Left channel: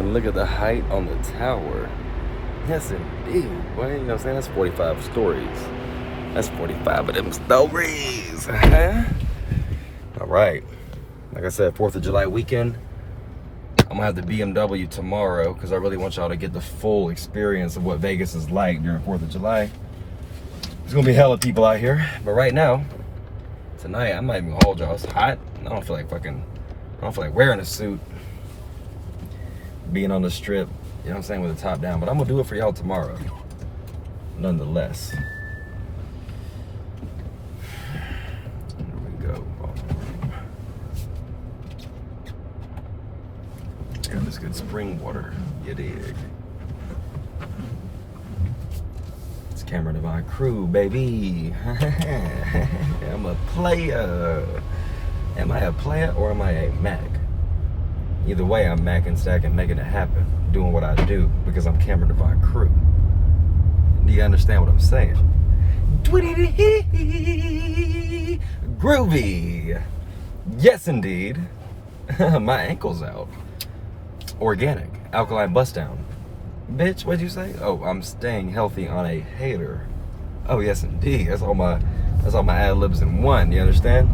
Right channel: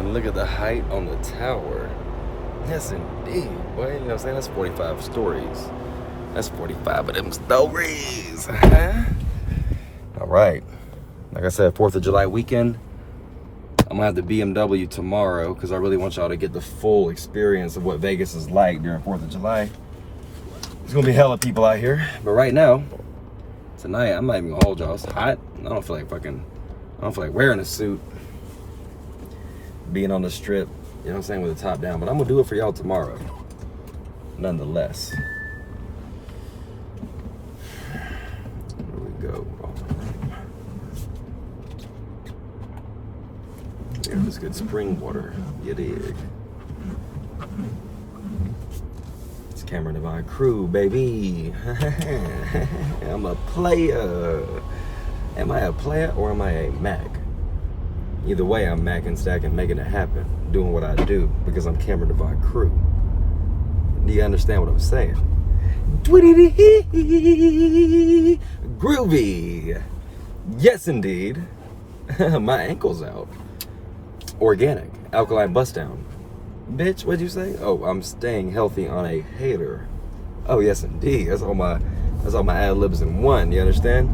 And look at the height on the tower. Yes, indeed. Boy, you know what I'm saying? That's 45 stories. That's 45 of them stories. All right. Like I said, 4th of July weekend. I'm going to have the BMW tomorrow because I really want y'all to get the full experience of what Vegas is like during 4th of July. There's going to be hella people out here. But right now, tonight, I'm not even going to hold y'all. It's hot. I don't feel like wearing a suit. Being on the strip, you know what I'm saying, with the top down. But I'm going to do it for y'all tomorrow. Nonetheless. Here we go. Yeah, this good spring water. You dig? It's Cameron Divine Crew, baby. I'm a player. Am I a player or am I a Mac? Either way, I'm macking, stacking, making it happen. Doing what I do because I'm Cameron Divine Crew. Do you understand what I'm saying? Groovy. Yes, indeed. My ankle's out. Organic. Alkaline bust down. Bitch, what'd you say? Oh, I'm staying healthy on a hater. Oh, yes, indeed. That's all my ad-libs in one. You understand?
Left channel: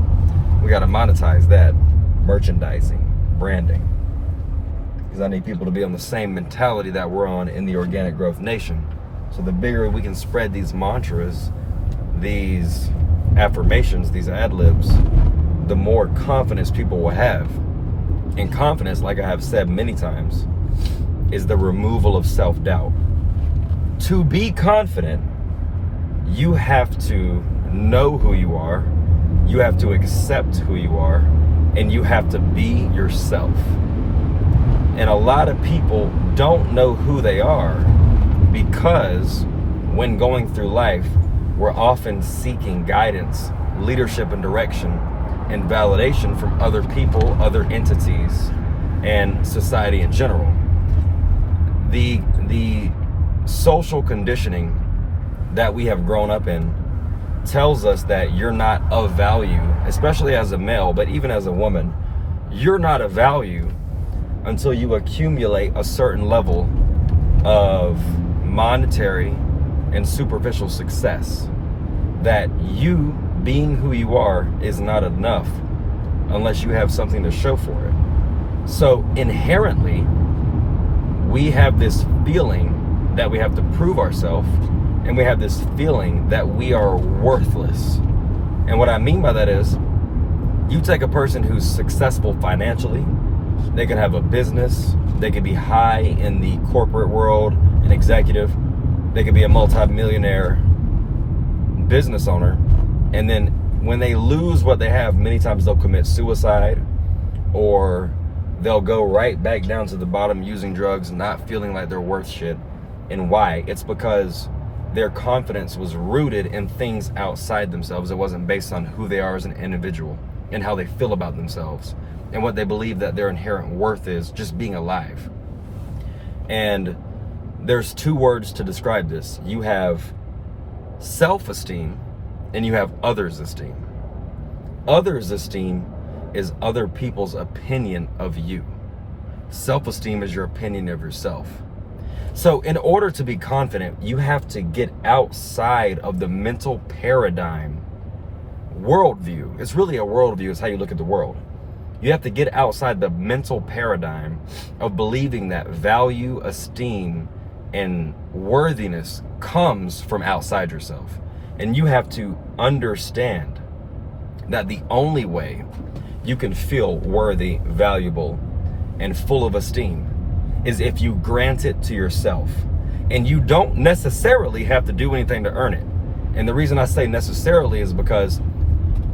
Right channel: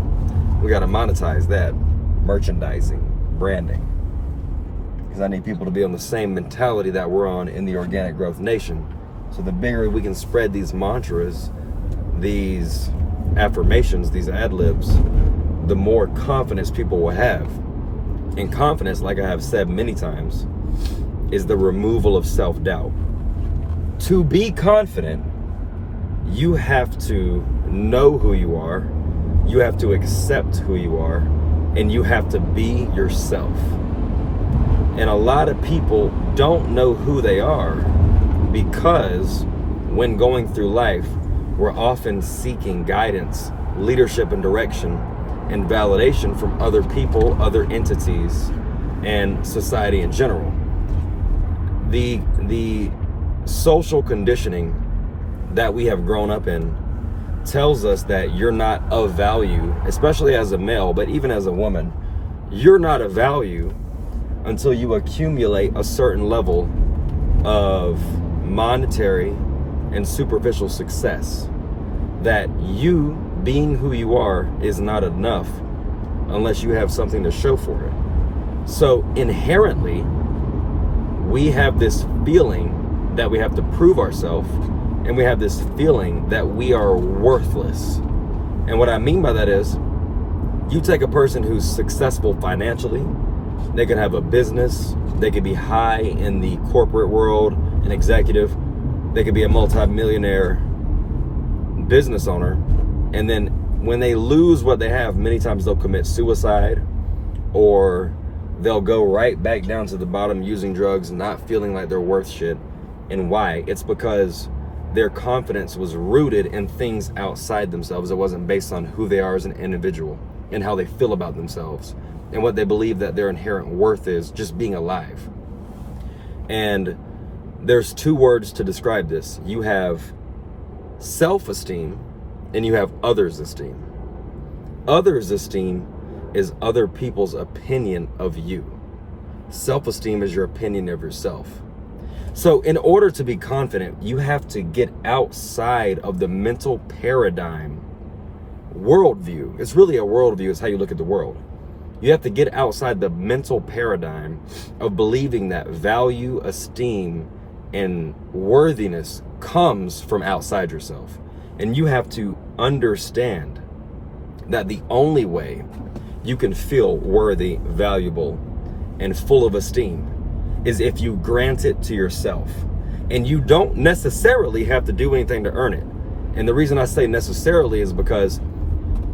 We got to monetize that. Merchandising. Branding. Because I need people to be on the same mentality that we're on in the Organic Growth Nation. So the bigger we can spread these mantras, these affirmations, these ad-libs, the more confidence people will have. And confidence, like I have said many times, is the removal of self-doubt. To be confident, you have to know who you are, you have to accept who you are, and you have to be yourself. And a lot of people don't know who they are because when going through life, we're often seeking guidance, leadership and direction, and validation from other people, other entities, and society in general. The social conditioning that we have grown up in tells us that you're not of value, especially as a male, but even as a woman, you're not of value until you accumulate a certain level of monetary and superficial success. That you being who you are is not enough unless you have something to show for it. So inherently, we have this feeling that we have to prove ourselves, and we have this feeling that we are worthless. And what I mean by that is, you take a person who's successful financially, they could have a business, they could be high in the corporate world, an executive, they could be a multi-millionaire business owner, and then when they lose what they have, many times they'll commit suicide, or they'll go right back down to the bottom using drugs, not feeling like they're worth shit. And why? It's because their confidence was rooted in things outside themselves. It wasn't based on who they are as an individual and how they feel about themselves and what they believe that their inherent worth is, just being alive. And there's two words to describe this. You have self-esteem and you have others' esteem. Others' esteem is other people's opinion of you. Self-esteem is your opinion of yourself. So in order to be confident, you have to get outside of the mental paradigm, worldview. It's really a worldview, it's how you look at the world. You have to get outside the mental paradigm of believing that value, esteem, and worthiness comes from outside yourself. And you have to understand that the only way you can feel worthy, valuable, and full of esteem is if you grant it to yourself. And you don't necessarily have to do anything to earn it. And the reason I say necessarily is because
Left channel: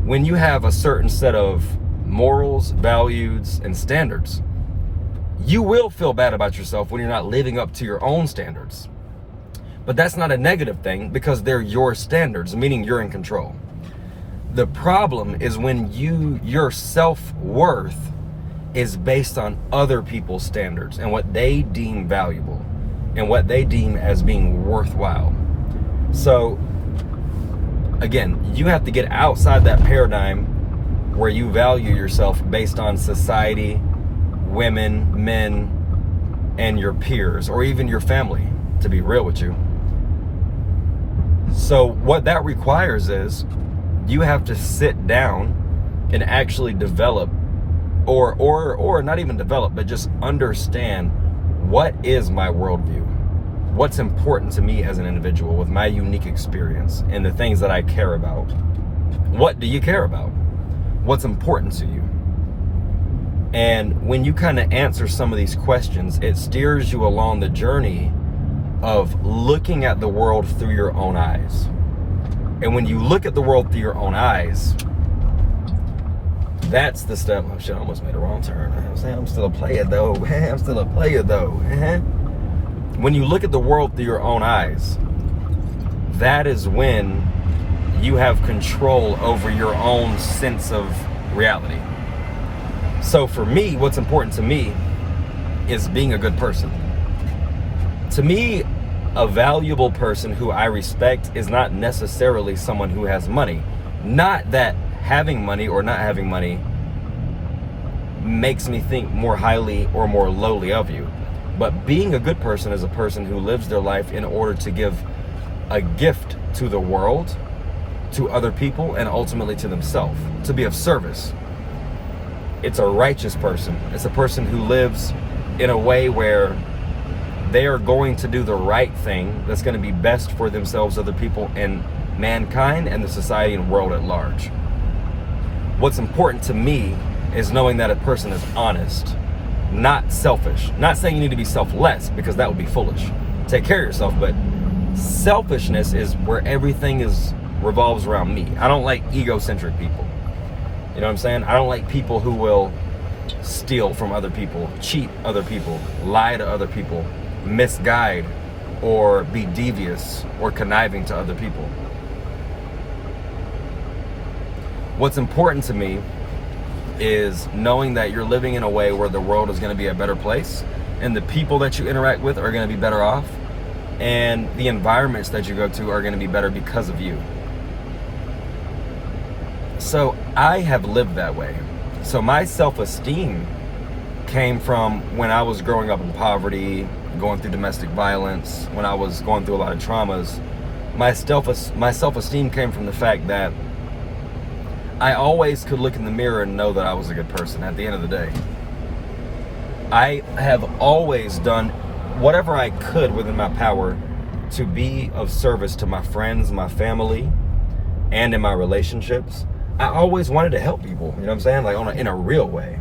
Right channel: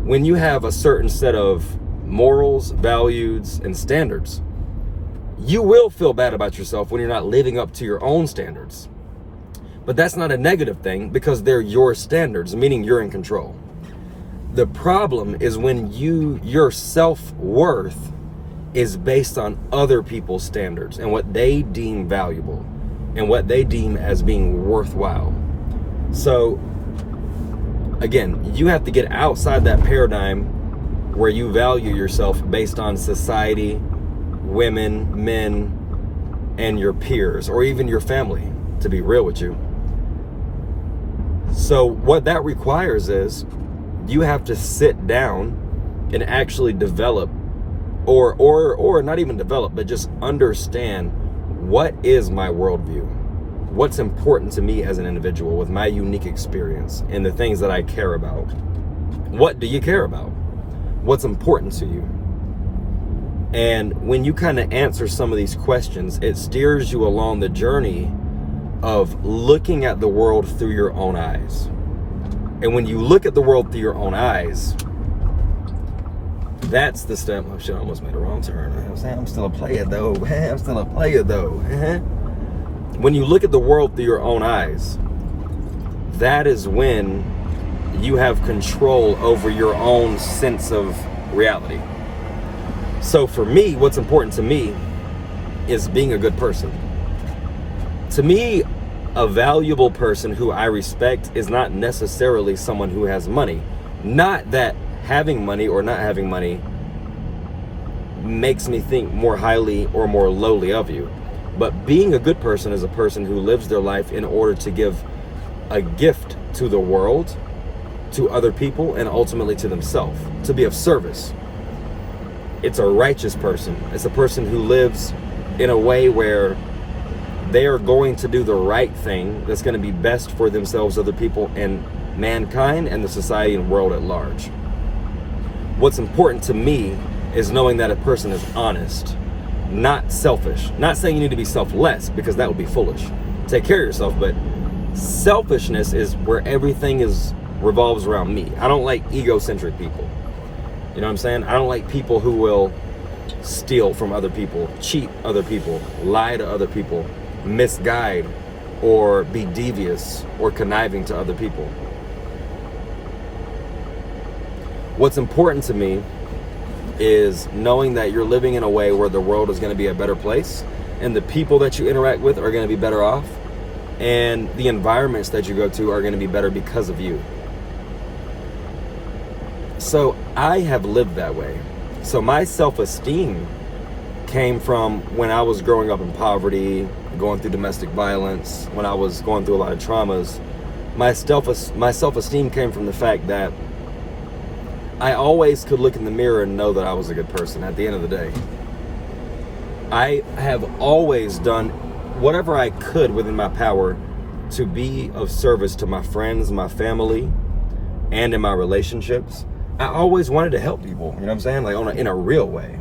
when you have a certain set of morals, values, and standards, you will feel bad about yourself when you're not living up to your own standards. But that's not a negative thing because they're your standards, meaning you're in control. The problem is when your self-worth is based on other people's standards and what they deem valuable and what they deem as being worthwhile. So again, you have to get outside that paradigm where you value yourself based on society, women, men, and your peers, or even your family, to be real with you. So what that requires is you have to sit down and actually develop, or not even develop, but just understand, what is my worldview? What's important to me as an individual with my unique experience and the things that I care about? What do you care about? What's important to you? And when you kind of answer some of these questions, it steers you along the journey of looking at the world through your own eyes. And when you look at the world through your own eyes, that's the step. Oh shit, I almost made a wrong turn. I'm still a player though. I'm still a player though. When you look at the world through your own eyes, that is when you have control over your own sense of reality. So for me, what's important to me is being a good person. To me, a valuable person who I respect is not necessarily someone who has money. Not that having money or not having money makes me think more highly or more lowly of you. But being a good person is a person who lives their life in order to give a gift to the world, to other people, and ultimately to themselves, to be of service. It's a righteous person. It's a person who lives in a way where they are going to do the right thing that's going to be best for themselves, other people, and mankind, and the society and world at large. What's important to me is knowing that a person is honest, not selfish. Not saying you need to be selfless, because that would be foolish. Take care of yourself, but selfishness is where everything revolves around me. I don't like egocentric people. You know what I'm saying? I don't like people who will steal from other people, cheat other people, lie to other people, misguide, or be devious or conniving to other people. What's important to me is knowing that you're living in a way where the world is going to be a better place, and the people that you interact with are going to be better off, and the environments that you go to are going to be better because of you. So I have lived that way. So my self-esteem came from when I was growing up in poverty, going through domestic violence, when I was going through a lot of traumas. My self-esteem came from the fact that I always could look in the mirror and know that I was a good person at the end of the day. I have always done whatever I could within my power to be of service to my friends, my family, and in my relationships. I always wanted to help people, you know what I'm saying? Like in a real way.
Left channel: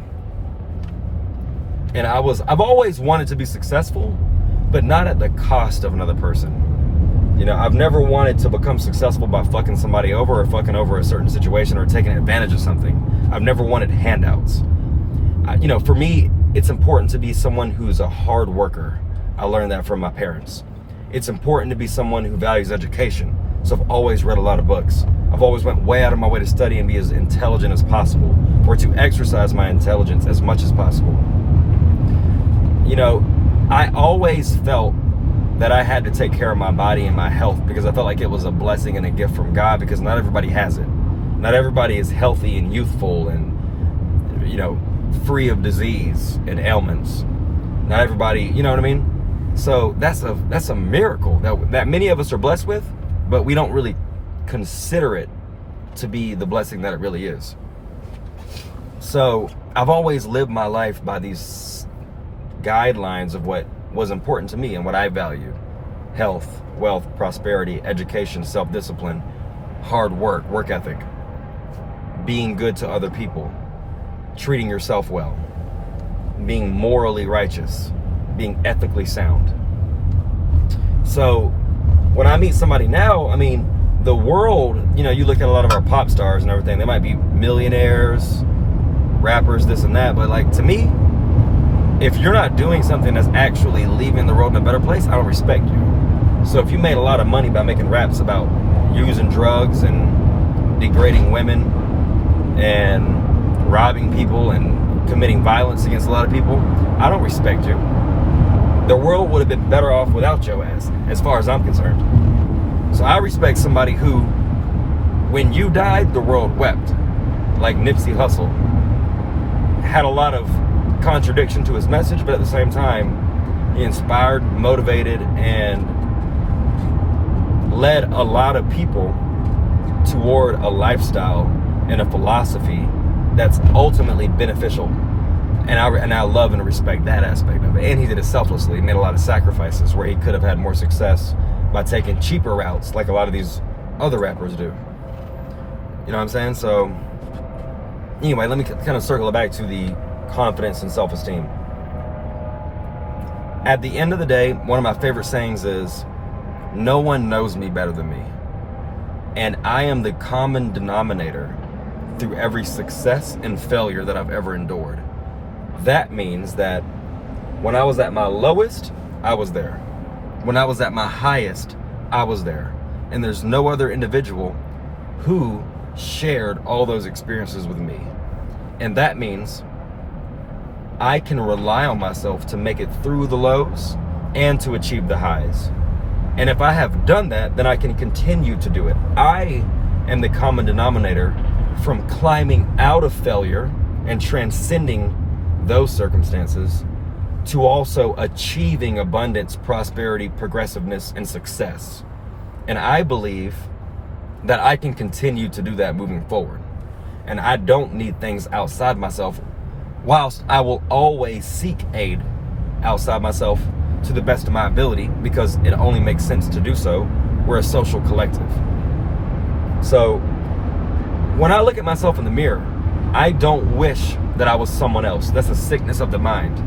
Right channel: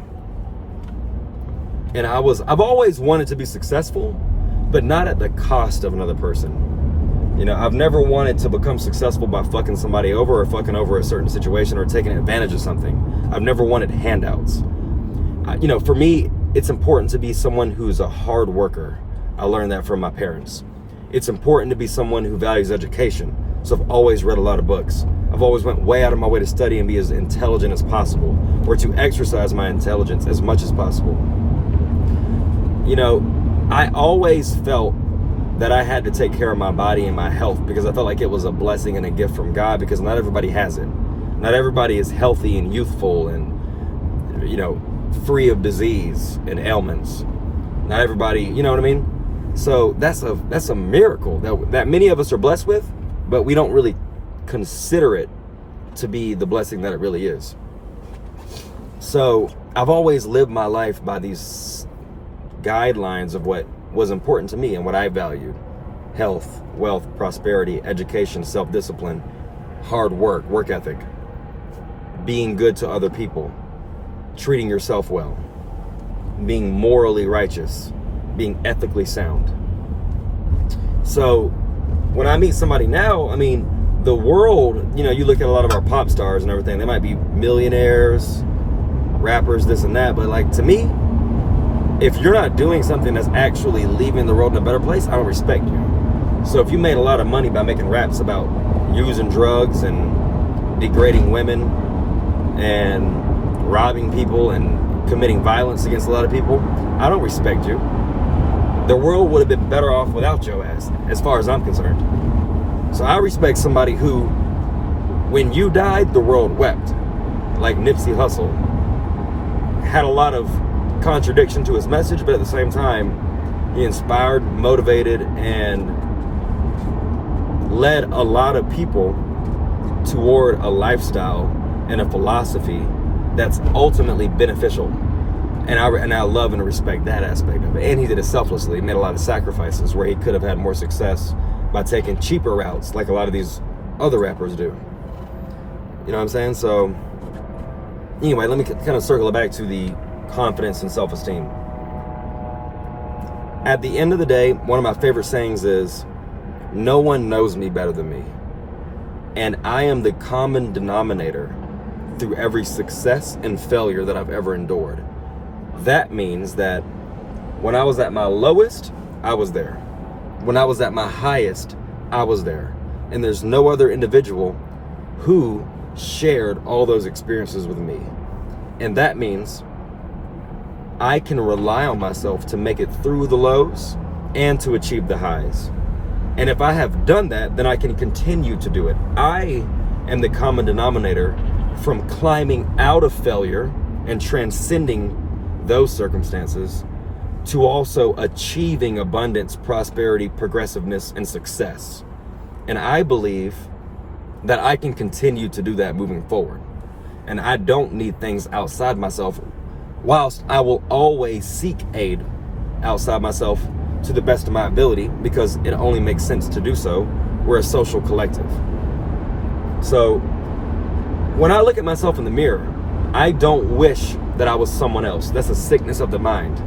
And I've always wanted to be successful, but not at the cost of another person. You know, I've never wanted to become successful by fucking somebody over, or fucking over a certain situation, or taking advantage of something. I've never wanted handouts. You know, for me, it's important to be someone who's a hard worker. I learned that from my parents. It's important to be someone who values education. So I've always read a lot of books. I've always went way out of my way to study and be as intelligent as possible, or to exercise my intelligence as much as possible. You know, I always felt that I had to take care of my body and my health, because I felt like it was a blessing and a gift from God, because not everybody has it. Not everybody is healthy and youthful and, you know, free of disease and ailments. Not everybody, you know what I mean? So that's a miracle that many of us are blessed with, but we don't really consider it to be the blessing that it really is. So I've always lived my life by these guidelines of what was important to me and what I valued: health, wealth, prosperity, education, self-discipline, hard work, work ethic, being good to other people, treating yourself well, being morally righteous, being ethically sound. So when I meet somebody now, I mean, the world, you know, you look at a lot of our pop stars and everything, they might be millionaires, rappers, this and that, but like, to me, if you're not doing something that's actually leaving the world in a better place, I don't respect you. So if you made a lot of money by making raps about using drugs and degrading women and robbing people and committing violence against a lot of people, I don't respect you. The world would have been better off without your ass, as far as I'm concerned. So I respect somebody who, when you died, the world wept. Like Nipsey Hussle. Had a lot of contradiction to his message, but at the same time, He inspired, motivated, and led a lot of people toward a lifestyle and a philosophy that's ultimately beneficial. And I love and respect that aspect of it. And he did it selflessly. He made a lot of sacrifices where he could have had more success by taking cheaper routes like a lot of these other rappers do. You know what I'm saying? So anyway, let me kind of circle it back to the confidence and self-esteem. At the end of the day, one of my favorite sayings is, no one knows me better than me. And I am the common denominator through every success and failure that I've ever endured. That means that when I was at my lowest, I was there. When I was at my highest, I was there. And there's no other individual who shared all those experiences with me. And that means I can rely on myself to make it through the lows and to achieve the highs. And if I have done that, then I can continue to do it. I am the common denominator from climbing out of failure and transcending those circumstances to also achieving abundance, prosperity, progressiveness, and success. And I believe that I can continue to do that moving forward. And I don't need things outside myself, whilst I will always seek aid outside myself to the best of my ability, because it only makes sense to do so. We're a social collective. So when I look at myself in the mirror, I don't wish that I was someone else. That's a sickness of the mind.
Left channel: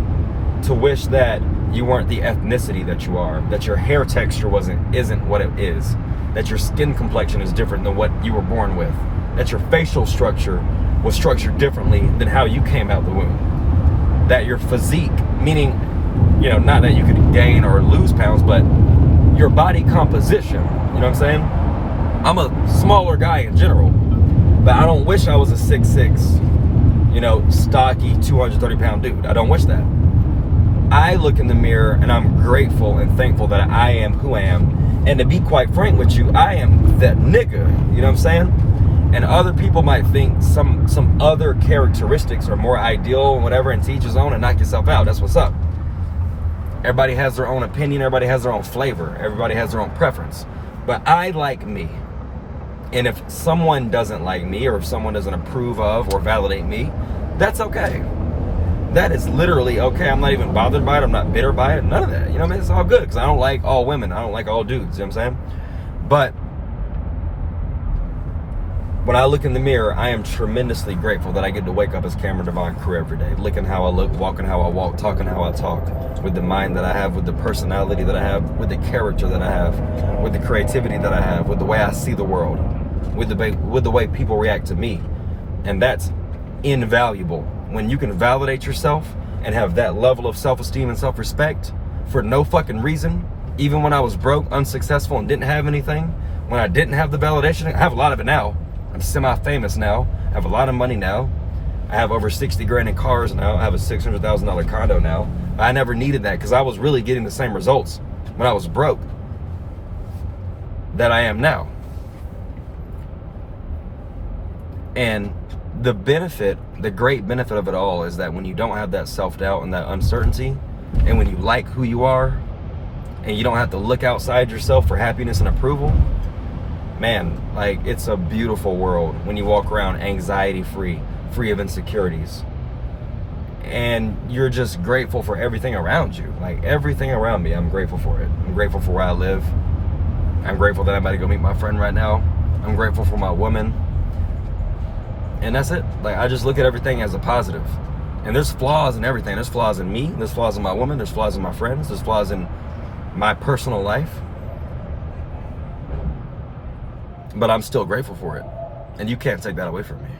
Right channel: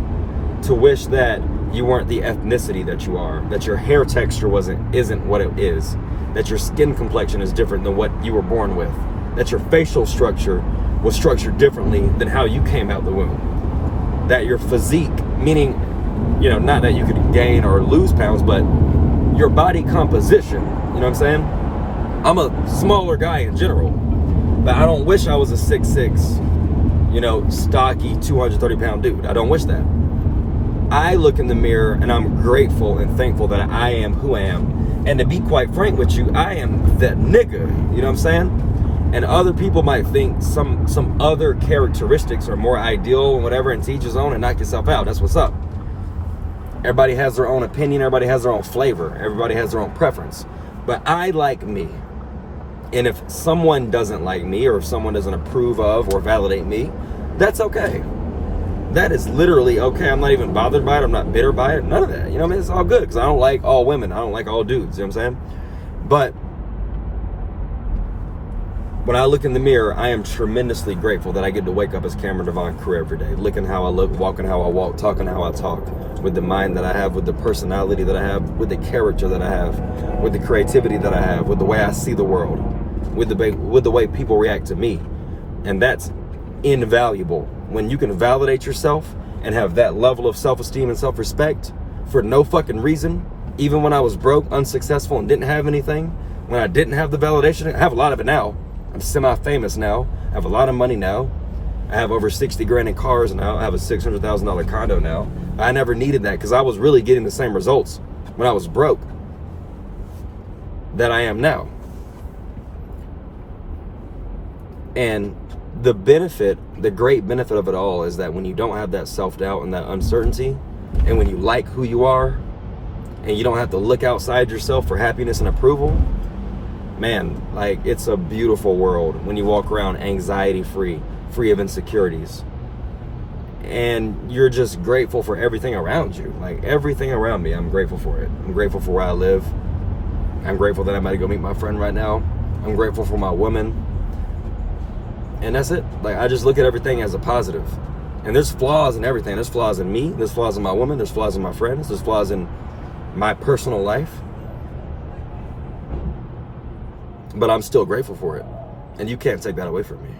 To wish that you weren't the ethnicity that you are, that your hair texture isn't what it is, that your skin complexion is different than what you were born with, that your facial structure was structured differently than how you came out the womb, that your physique, meaning, you know, not that you could gain or lose pounds, but your body composition, you know what I'm saying? I'm a smaller guy in general, but I don't wish I was a 6'6", you know, stocky, 230-pound dude. I don't wish that. I look in the mirror and I'm grateful and thankful that I am who I am. And to be quite frank with you, I am that nigga, you know what I'm saying? And other people might think some other characteristics are more ideal and whatever, and to each his own, and knock yourself out. That's what's up. Everybody has their own opinion, everybody has their own flavor, everybody has their own preference. But I like me. And if someone doesn't like me, or if someone doesn't approve of or validate me, that's okay. That is literally okay. I'm not even bothered by it. I'm not bitter by it. None of that. You know what I mean? It's all good, because I don't like all women. I don't like all dudes. You know what I'm saying? But when I look in the mirror, I am tremendously grateful that I get to wake up as Cameron Devon Crew every day. Looking how I look, walking how I walk, talking how I talk, with the mind that I have, with the personality that I have, with the character that I have, with the creativity that I have, with the way I see the world, with the way people react to me. And that's invaluable. When you can validate yourself and have that level of self-esteem and self-respect for no fucking reason, even when I was broke, unsuccessful, and didn't have anything, when I didn't have the validation, I have a lot of it now. I'm semi-famous now. I have a lot of money now. I have over 60 grand in cars now. I have a $600,000 condo now. I never needed that, because I was really getting the same results when I was broke that I am now. And the great benefit of it all is that when you don't have that self-doubt and that uncertainty, and when you like who you are, and you don't have to look outside yourself for happiness and approval, man, like, it's a beautiful world when you walk around anxiety-free, free of insecurities. And you're just grateful for everything around you. Like, everything around me, I'm grateful for it. I'm grateful for where I live. I'm grateful that I'm about to go meet my friend right now. I'm grateful for my woman. And that's it. Like, I just look at everything as a positive. And there's flaws in everything. There's flaws in me. There's flaws in my woman. There's flaws in my friends. There's flaws in my personal life. But I'm still grateful for it. And you can't take that away from me,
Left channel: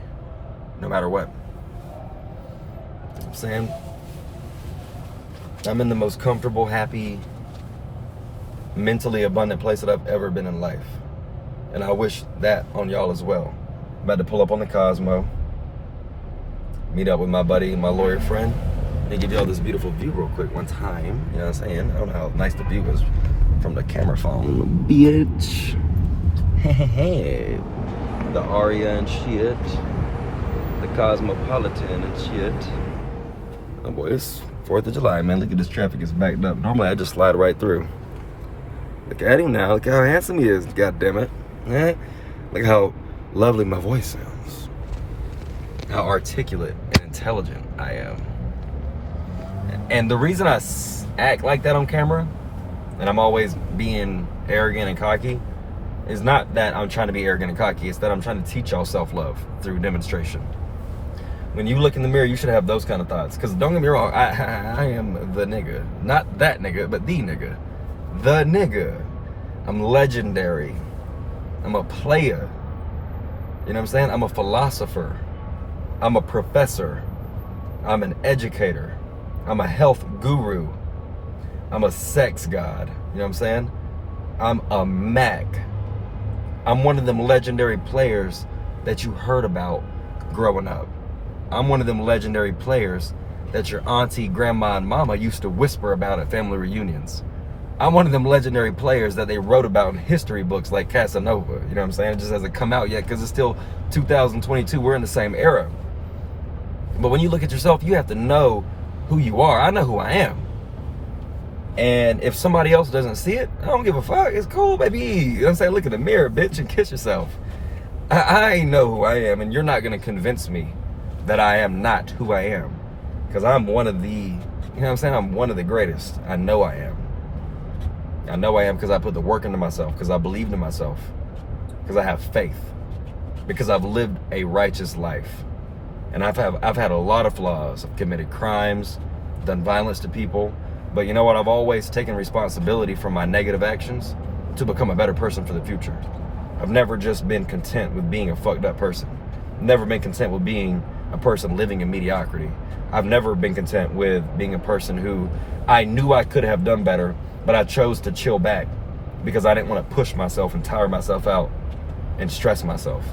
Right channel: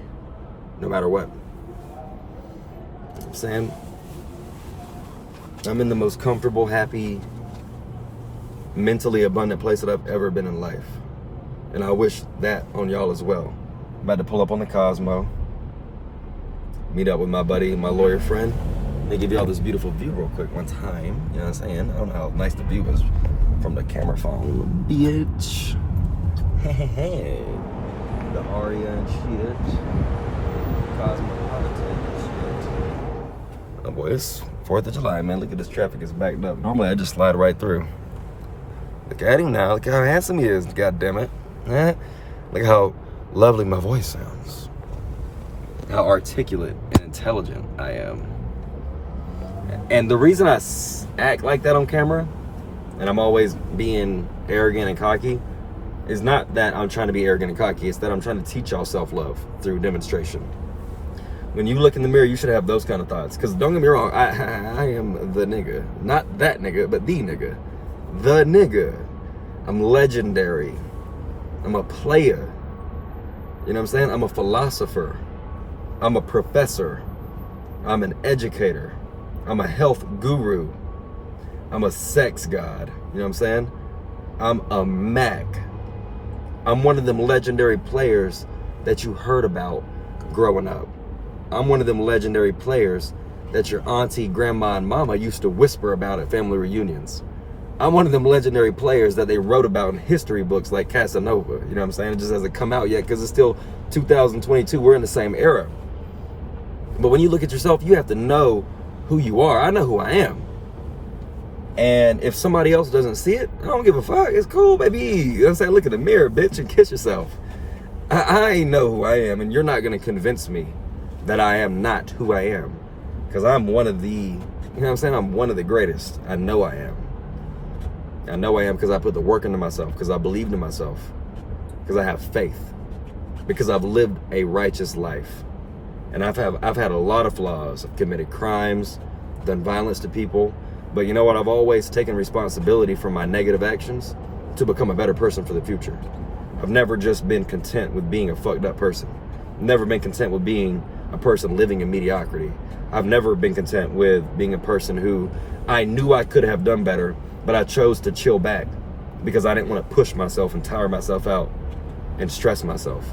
no matter what. You know what I'm saying? I'm in the most comfortable, happy, mentally abundant place that I've ever been in life. And I wish that on y'all as well. I'm about to pull up on the Cosmo, meet up with my buddy, my lawyer friend, and give y'all this beautiful view real quick one time. You know what I'm saying? I don't know how nice the view is from the camera phone. Bitch. The Aria and shit. The Cosmopolitan and shit. Oh boy, it's 4th of July, man. Look at this traffic is backed up. Normally I just slide right through. Look at him now. Look how handsome he is. God damn it. Look how lovely my voice sounds. How articulate and intelligent I am. And the reason I act like that on camera, and I'm always being arrogant and cocky, is not that I'm trying to be arrogant and cocky. It's that I'm trying to teach y'all self-love through demonstration. When you look in the mirror, you should have those kind of thoughts. Because don't get me wrong, I am the nigga. Not that nigga, but the nigga. The nigga. I'm legendary. I'm a player. You know what I'm saying? I'm a philosopher. I'm a professor. I'm an educator. I'm a health guru. I'm a sex god. You know what I'm saying? I'm a Mac. I'm one of them legendary players that you heard about growing up. I'm one of them legendary players that your auntie, grandma, and mama used to whisper about at family reunions. I'm one of them legendary players that they wrote about in history books like Casanova. You know what I'm saying? It just hasn't come out yet because it's still 2022. We're in the same era. But when you look at yourself, you have to know who you are. I know who I am. And if somebody else doesn't see it, I don't give a fuck. It's cool, baby. You know what I'm saying? Look in the mirror, bitch, and kiss yourself. I know who I am, and you're not going to convince me that I am not who I am. Because I'm one of the, you know what I'm saying? I'm one of the greatest. I know I am. I know I am because I put the work into myself, because I believed in myself, because I have faith, because I've lived a righteous life. And I've had a lot of flaws. I've committed crimes, done violence to people. But you know what? I've always taken responsibility for my negative actions to become a better person for the future. I've never just been content with being a fucked up person. Never been content with being a person living in mediocrity. I've never been content with being a person who I knew I could have done better, but I chose to chill back because I didn't want to push myself and tire myself out and stress myself.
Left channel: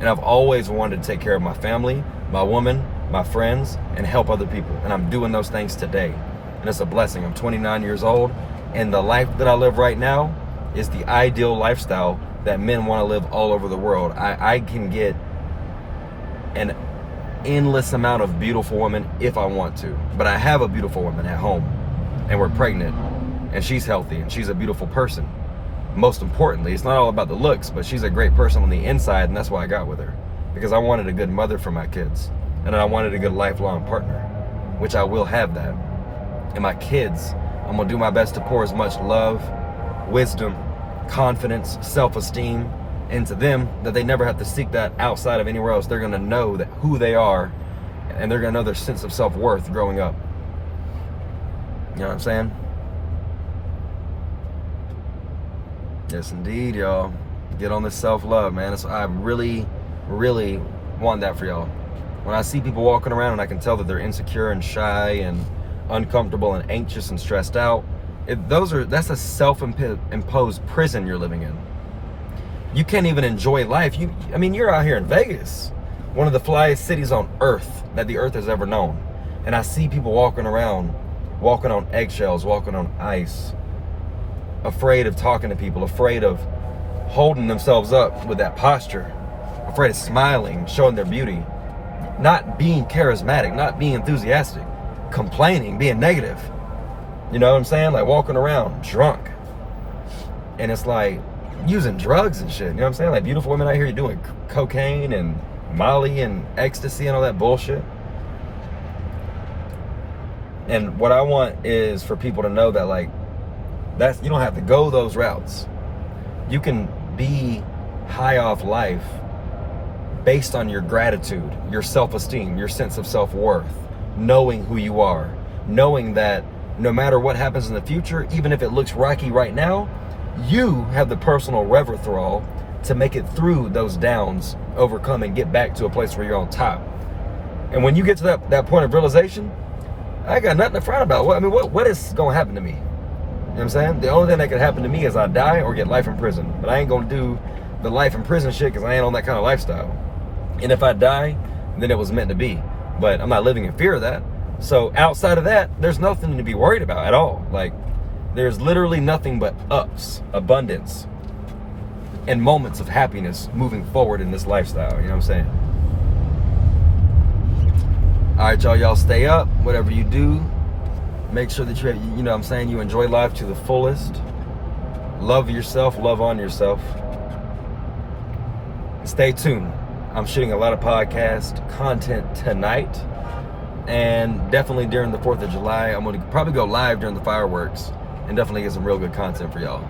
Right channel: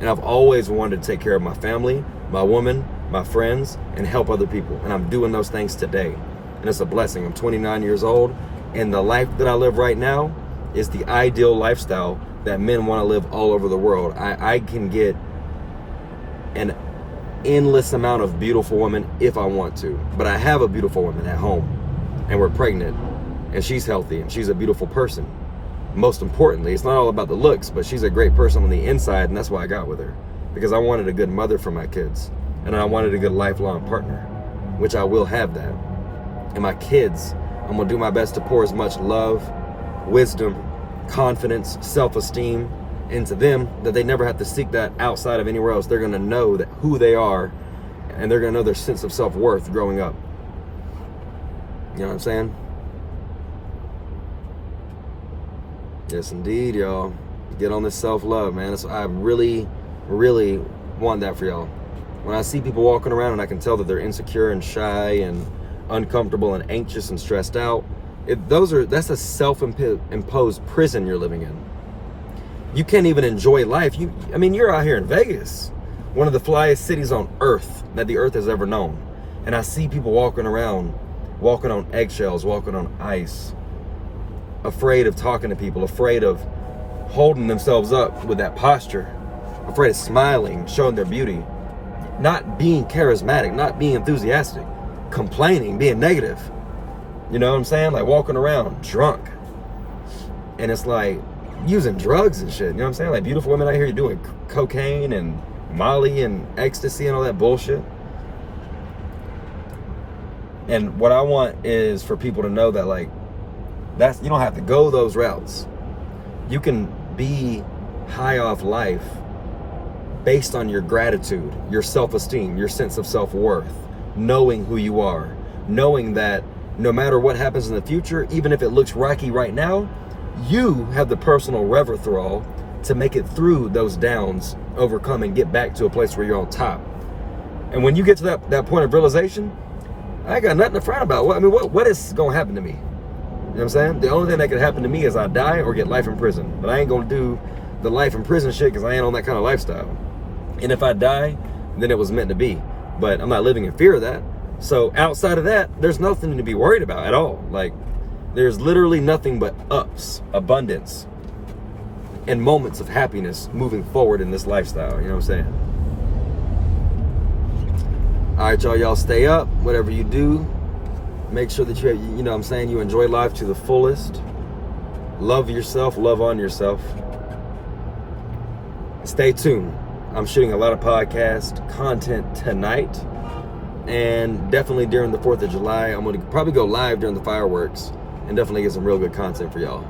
And I've always wanted to take care of my family, my woman, my friends, and help other people. And I'm doing those things today. And it's a blessing. I'm 29 years old, and the life that I live right now is the ideal lifestyle that men want to live all over the world. I can get an endless amount of beautiful women if I want to. But I have a beautiful woman at home, and we're pregnant, and she's healthy, and she's a beautiful person. Most importantly, it's not all about the looks, but she's a great person on the inside, and that's why I got with her. Because I wanted a good mother for my kids, and I wanted a good lifelong partner, which I will have that. And my kids, I'm gonna do my best to pour as much love, wisdom, confidence, self-esteem into them that they never have to seek that outside of anywhere else. They're gonna know that who they are, and they're gonna know their sense of self-worth growing up. You know what I'm saying? Yes, indeed, y'all. Get on this self-love, man. I really, really want that for y'all. When I see people walking around and I can tell that they're insecure and shy and uncomfortable and anxious and stressed out, that's a self-imposed prison you're living in. You can't even enjoy life. You're out here in Vegas, one of the flyest cities on earth that the earth has ever known. And I see people walking around, walking on eggshells, walking on ice, afraid of talking to people, afraid of holding themselves up with that posture, afraid of smiling, showing their beauty, not being charismatic, not being enthusiastic, complaining, being negative. You know what I'm saying? Like walking around drunk. And it's like using drugs and shit. You know what I'm saying? Like beautiful women out here doing cocaine and Molly and ecstasy and all that bullshit. And what I want is for people to know that like, you don't have to go those routes. You can be high off life based on your gratitude, your self-esteem, your sense of self-worth, knowing who you are, knowing that no matter what happens in the future, even if it looks rocky right now, you have the personal wherewithal to make it through those downs, overcome, and get back to a place where you're on top. And when you get to that point of realization, I ain't got nothing to frown about. What is going to happen to me? You know what I'm saying? The only thing that could happen to me is I die or get life in prison. But I ain't going to do the life in prison shit because I ain't on that kind of lifestyle. And if I die, then it was meant to be. But I'm not living in fear of that. So outside of that, there's nothing to be worried about at all. Like, there's literally nothing but ups, abundance, and moments of happiness moving forward in this lifestyle. You know what I'm saying? All right, y'all stay up, whatever you do. Make sure that you know what I'm saying, you enjoy life to the fullest. Love yourself, love on yourself. Stay tuned. I'm shooting a lot of podcast content tonight. And definitely during the 4th of July, I'm going to probably go live during the fireworks and definitely get some real good content for y'all.